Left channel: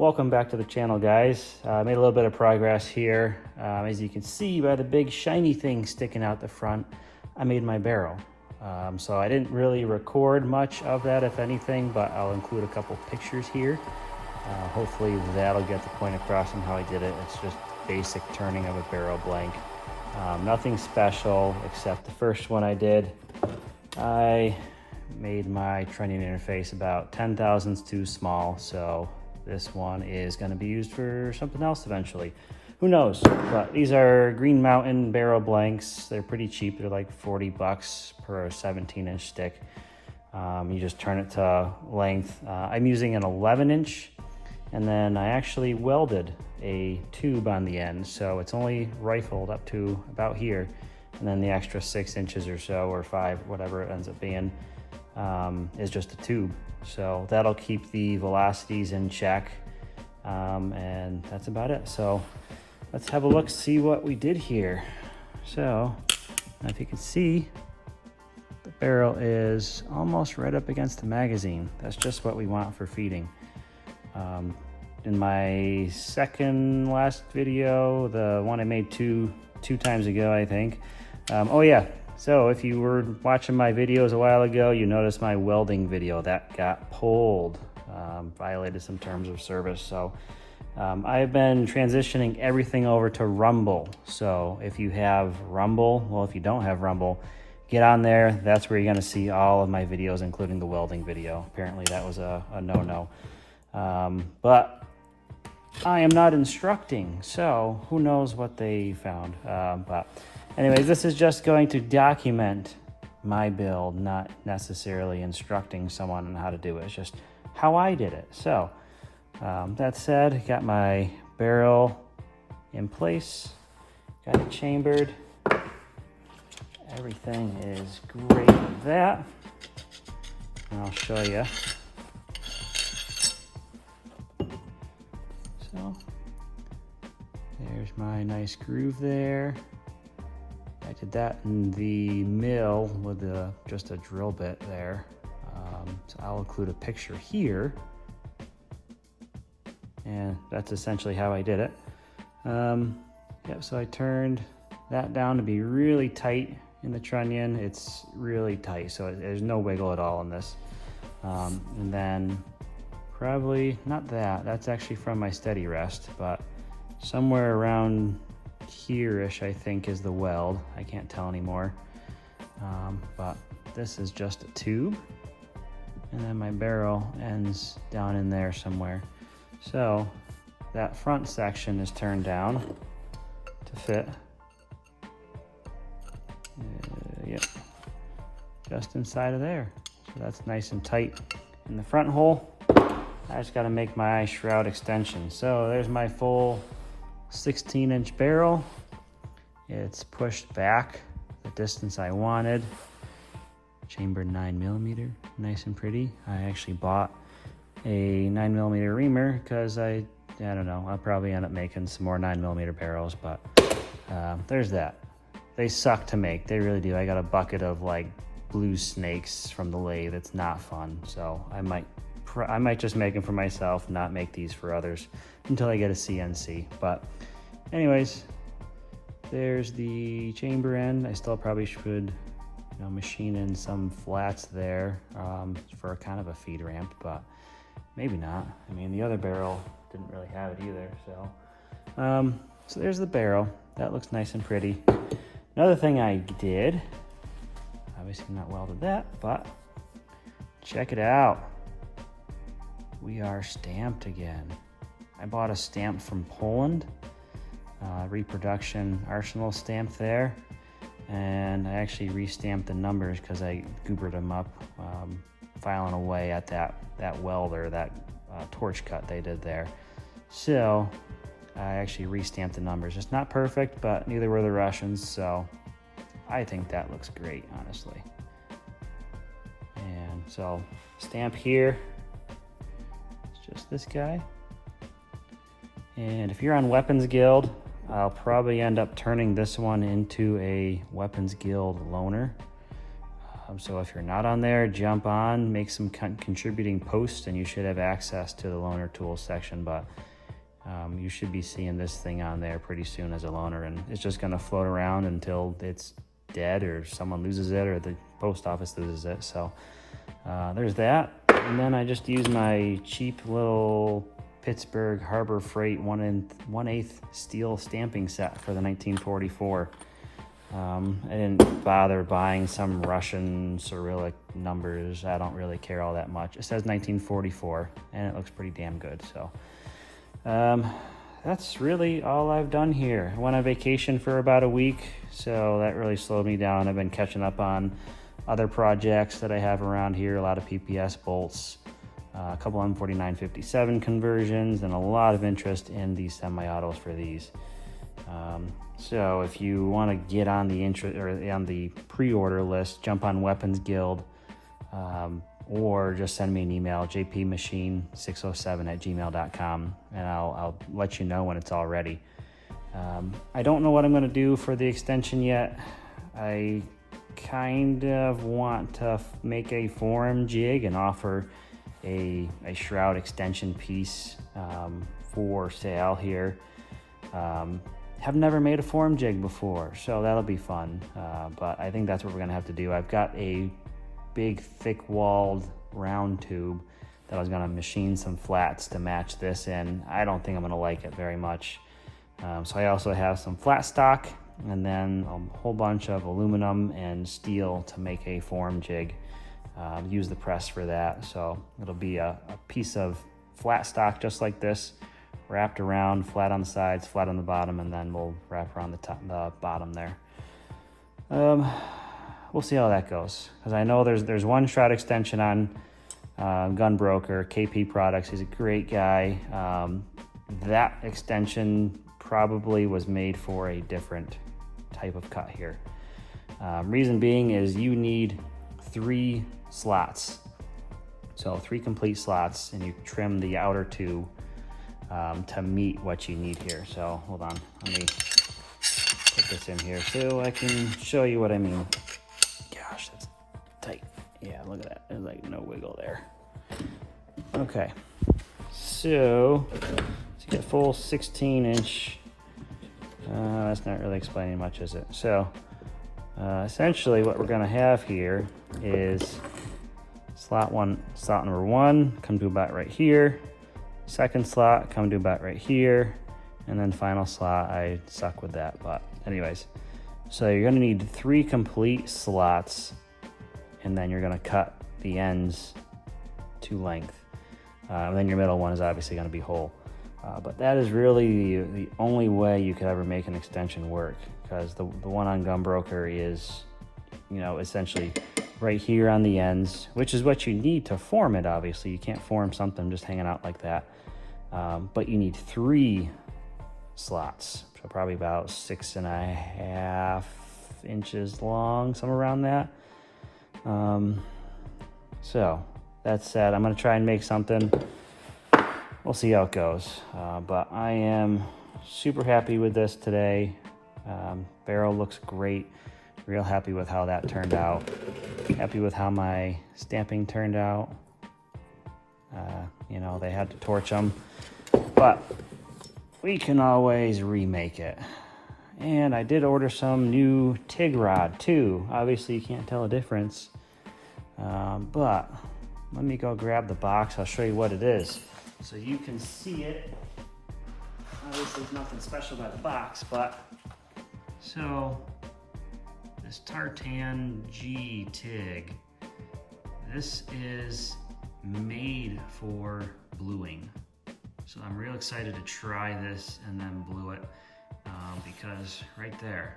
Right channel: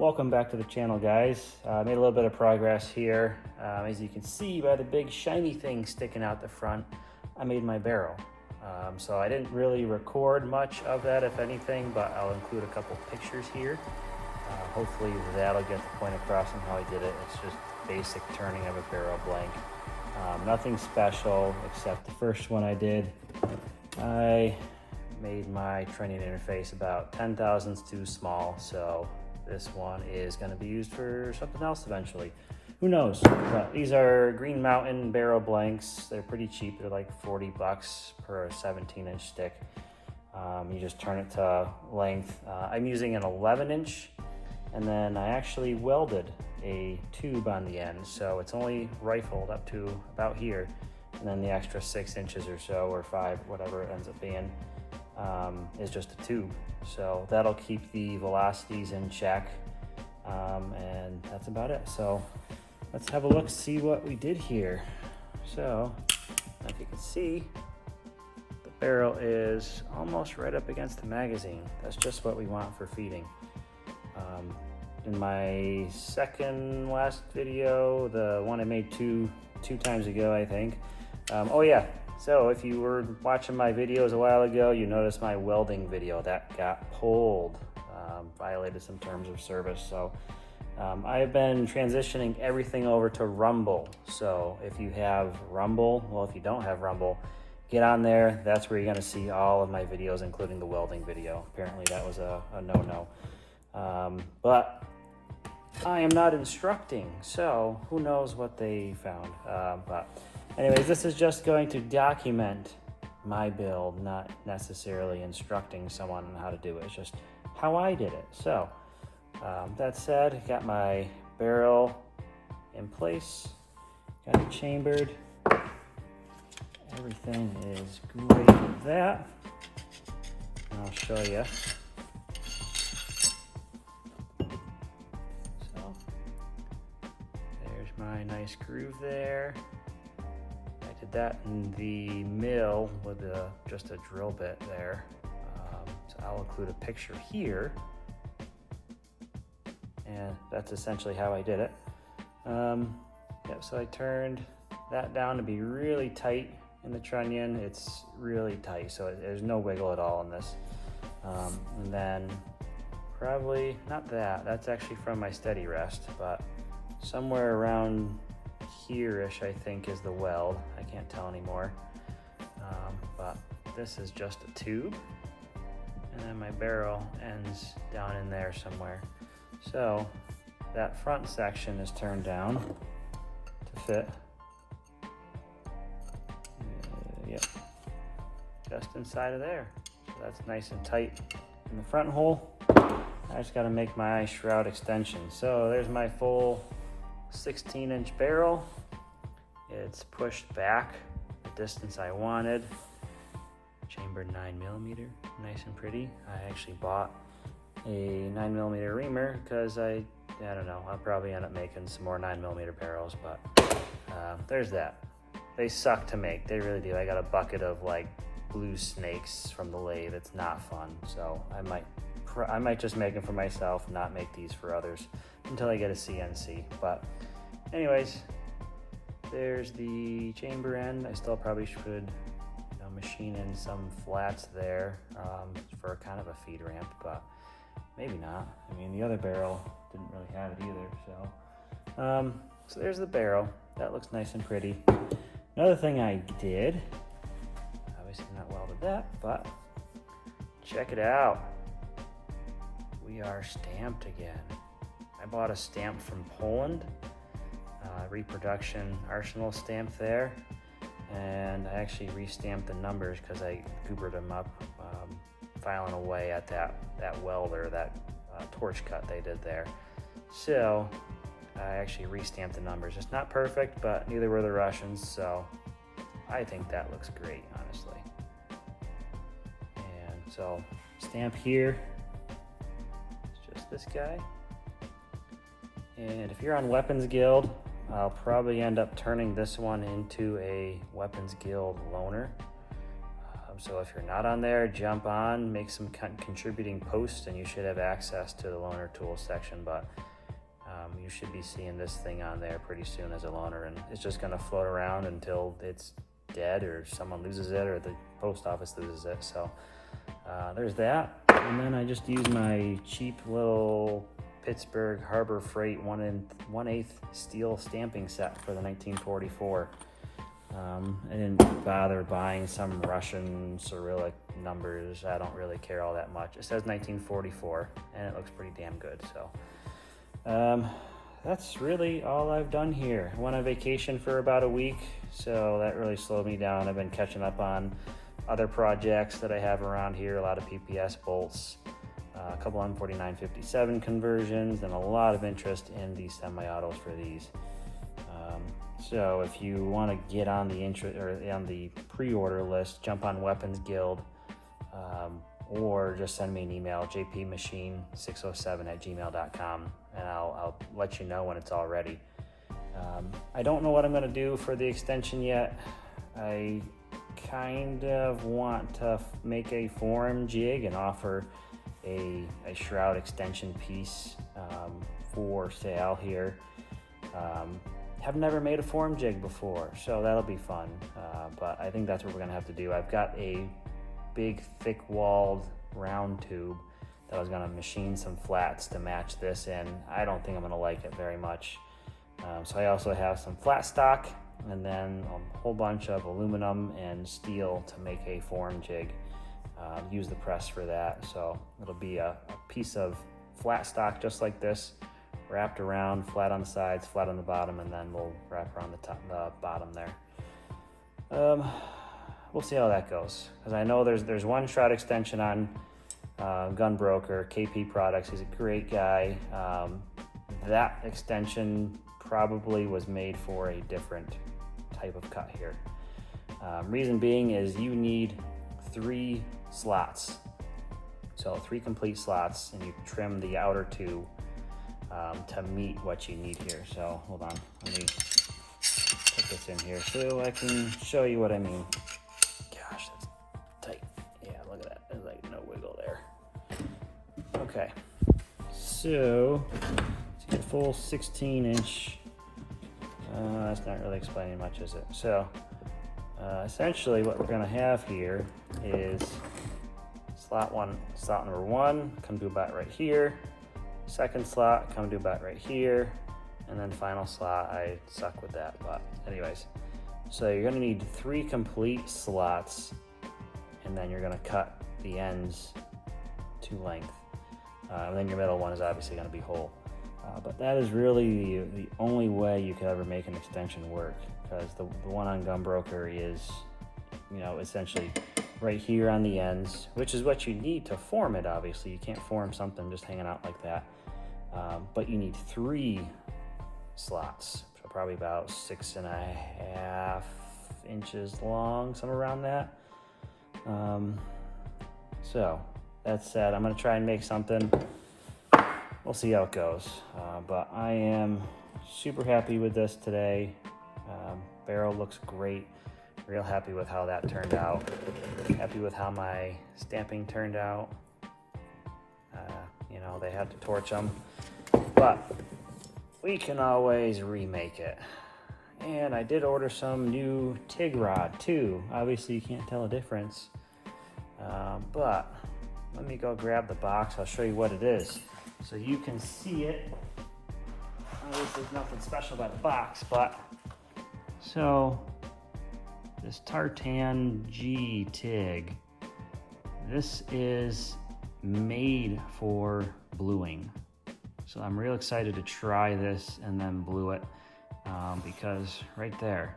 Welcome back to the channel, guys. Made a little bit of progress here. As you can see by the big shiny thing sticking out the front, I made my barrel. So I didn't really record much of that, if anything, but I'll include a couple pictures here. Hopefully that'll get the point across on how I did it. It's just basic turning of a barrel blank. Nothing special, except the first one I did, I made my trunnion interface about 10 thousandths too small, so this one is going to be used for something else eventually. Who knows? But these are Green Mountain barrel blanks. They're pretty cheap. They're like 40 bucks per 17-inch stick. You just turn it to length. I'm using an 11-inch, and then I actually welded a tube on the end, so it's only rifled up to about here, and then the extra 6 inches or so, or 5, whatever it ends up being, is just a tube. So that'll keep the velocities in check, and that's about it. So let's have a look, see what we did here. So if you can see, the barrel is almost right up against the magazine. That's just what we want for feeding. In my second last video, the one I made two times ago, I think. Oh yeah, so if you were watching my videos a while ago, you noticed my welding video that got pulled, violated some terms of service. So I've been transitioning everything over to Rumble. So if you have Rumble, well, if you don't have Rumble, get on there. That's where you're gonna see all of my videos, including the welding video. Apparently that was a no-no. But I am not instructing, so who knows what they found. But anyways, this is just going to document my build, not necessarily instructing someone on how to do it. It's just how I did it. So that said, got my barrel in place, got it chambered. Everything is great with that. And I'll show you. Nice groove there. I did that in the mill with just a drill bit there. So I'll include a picture here. And that's essentially how I did it. Yeah, so I turned that down to be really tight in the trunnion. It's really tight, so there's no wiggle at all in this. And then probably not that. That's actually from my steady rest, but somewhere around here-ish, I think, is the weld. I can't tell anymore. But this is just a tube, and then my barrel ends down in there somewhere. So that front section is turned down to fit. Yep, just inside of there. So that's nice and tight. In the front hole, I just got to make my shroud extension. So there's my full 16-inch barrel. It's pushed back the distance I wanted. Chambered 9mm, nice and pretty. I actually bought a 9mm reamer because I don't know, I'll probably end up making some more 9mm barrels, but there's that. They suck to make, they really do. I got a bucket of like blue snakes from the lathe. It's not fun, so I might just make them for myself, not make these for others until I get a CNC. But anyways, there's the chamber end. I still probably should machine in some flats there for kind of a feed ramp, but maybe not. I mean, the other barrel didn't really have it either. So there's the barrel. That looks nice and pretty. Another thing I did, obviously not welded that, but check it out. We are stamped again. I bought a stamp from Poland, reproduction Arsenal stamp there, and I actually re-stamped the numbers because I goobered them up, filing away at that weld or that torch cut they did there. So I actually re-stamped the numbers. It's not perfect, but neither were the Russians, so I think that looks great, honestly. And so stamp here. This guy. And if you're on Weapons Guild, I'll probably end up turning this one into a Weapons Guild loaner. So if you're not on there, jump on, make some contributing posts, and you should have access to the loaner tools section. But you should be seeing this thing on there pretty soon as a loaner, and it's just gonna float around until it's dead or someone loses it or the post office loses it. So there's that. And then I just use my cheap little Pittsburgh Harbor Freight 1/8 steel stamping set for the 1944. I didn't bother buying some Russian Cyrillic numbers. I don't really care all that much. It says 1944 and it looks pretty damn good. So that's really all I've done here. I went on vacation for about a week, so that really slowed me down. I've been catching up on other projects that I have around here, a lot of PPS bolts, a couple 149/57 conversions, and a lot of interest in these semi-autos for these. So if you want to get on the on the pre-order list, jump on Weapons Guild, or just send me an email, jpmachine607@gmail.com, and I'll let you know when it's all ready. I don't know what I'm going to do for the extension yet. I kind of want to make a forum jig and offer a shroud extension piece for sale here. Have never made a forum jig before, so that'll be fun, but I think that's what we're gonna have to do. I've got a big thick-walled round tube that I was gonna machine some flats to match this in. I don't think I'm gonna like it very much. So I also have some flat stock and then a whole bunch of aluminum and steel to make a forum jig. Use the press for that, so it'll be a piece of flat stock just like this, wrapped around, flat on the sides, flat on the bottom, and then we'll wrap around the bottom there. We'll see how that goes, because I know there's one shroud extension on Gunbroker, KP Products. He's a great guy. That extension probably was made for a different type of cut here. Reason being is you need 3 slots, so 3 complete slots, and you trim the outer 2 to meet what you need here. So hold on, let me put this in here so I can show you what I mean. Gosh, that's tight. Yeah, look at that, there's like no wiggle there. Okay, so it's a full 16-inch. That's not really explaining much, is it? So essentially what we're gonna have here is slot number 1 come to about right here. Second slot come to about right here, and then final slot, I suck with that, but anyways. So you're gonna need 3 complete slots, and then you're gonna cut the ends to length. And then your middle one is obviously gonna be whole. But that is really the only way you could ever make an extension work, because the one on Gunbroker is, you know, essentially right here on the ends, which is what you need to form it. Obviously, you can't form something just hanging out like that. But you need 3 slots, so probably about 6.5 inches long, somewhere around that. So that said, I'm gonna try and make something. We'll see how it goes. But I am super happy with this today. Barrel looks great. Real happy with how that turned out. Happy with how my stamping turned out. You know, they had to torch them, but we can always remake it. And I did order some new TIG rod too. Obviously you can't tell a difference, but let me go grab the box. I'll show you what it is so you can see it. This is nothing special about the box, but so this Tartan G TIG, this is made for bluing. So I'm real excited to try this and then blue it, because right there,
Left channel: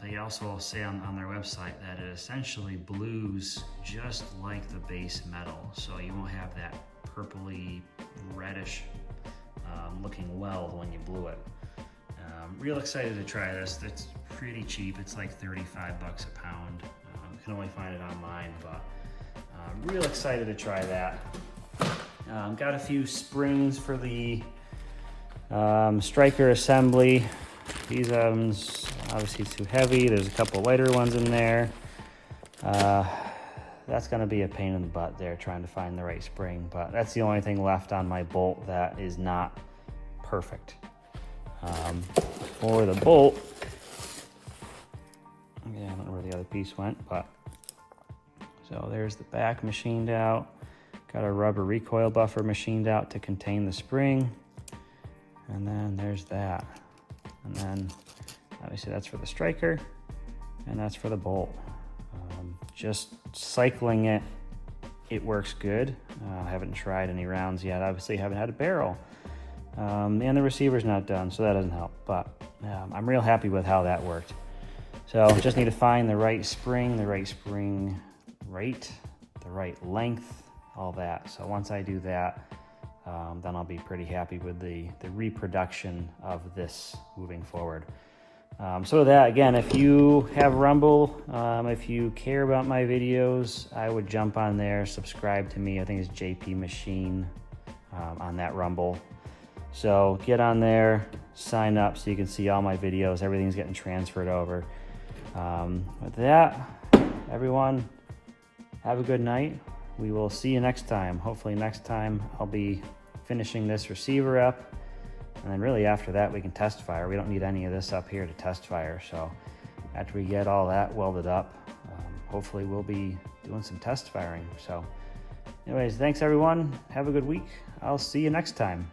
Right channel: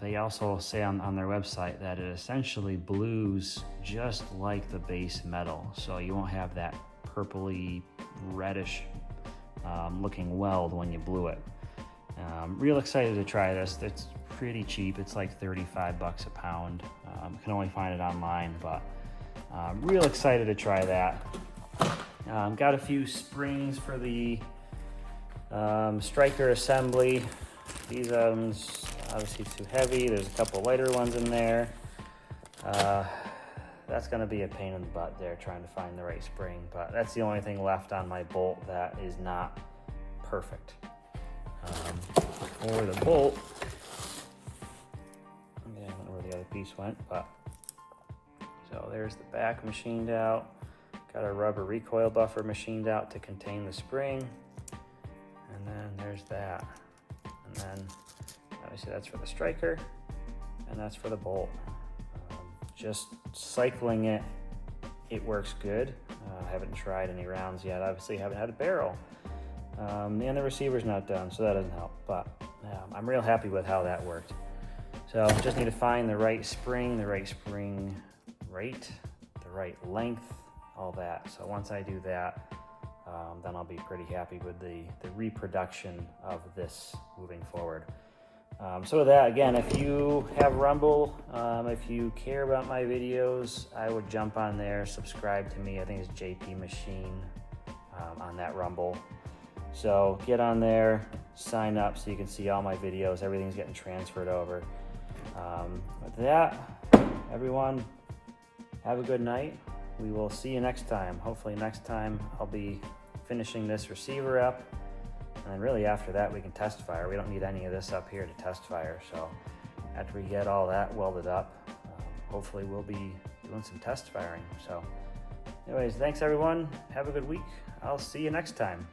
they also say on their website that it essentially blues just like the base metal. So you won't have that purpley reddish looking weld when you blue it. Real excited to try this. It's pretty cheap. It's like 35 bucks a pound. You can only find it online, but real excited to try that. Got a few springs for the striker assembly. These ones obviously too heavy. There's a couple lighter ones in there. That's gonna be a pain in the butt there, trying to find the right spring, but that's the only thing left on my bolt that is not perfect. For the bolt, I don't know where the other piece went, but so there's the back machined out. Got a rubber recoil buffer machined out to contain the spring. And then there's that. And then obviously that's for the striker and that's for the bolt. Just cycling it, it works good. I haven't tried any rounds yet. Obviously haven't had a barrel. And the receiver's not done, so that doesn't help. But I'm real happy with how that worked. So just need to find the right spring rate, the right length, all that. So once I do that, then I'll be pretty happy with the reproduction of this moving forward. So that, again, if you have Rumble, if you care about my videos, I would jump on there, subscribe to me. I think it's JP Machine on that Rumble. So get on there, sign up so you can see all my videos. Everything's getting transferred over. With that, everyone, have a good night. We will see you next time. Hopefully next time I'll be finishing this receiver up. And then really after that we can test fire. We don't need any of this up here to test fire. So after we get all that welded up, hopefully we'll be doing some test firing. So anyways, thanks everyone. Have a good week. I'll see you next time.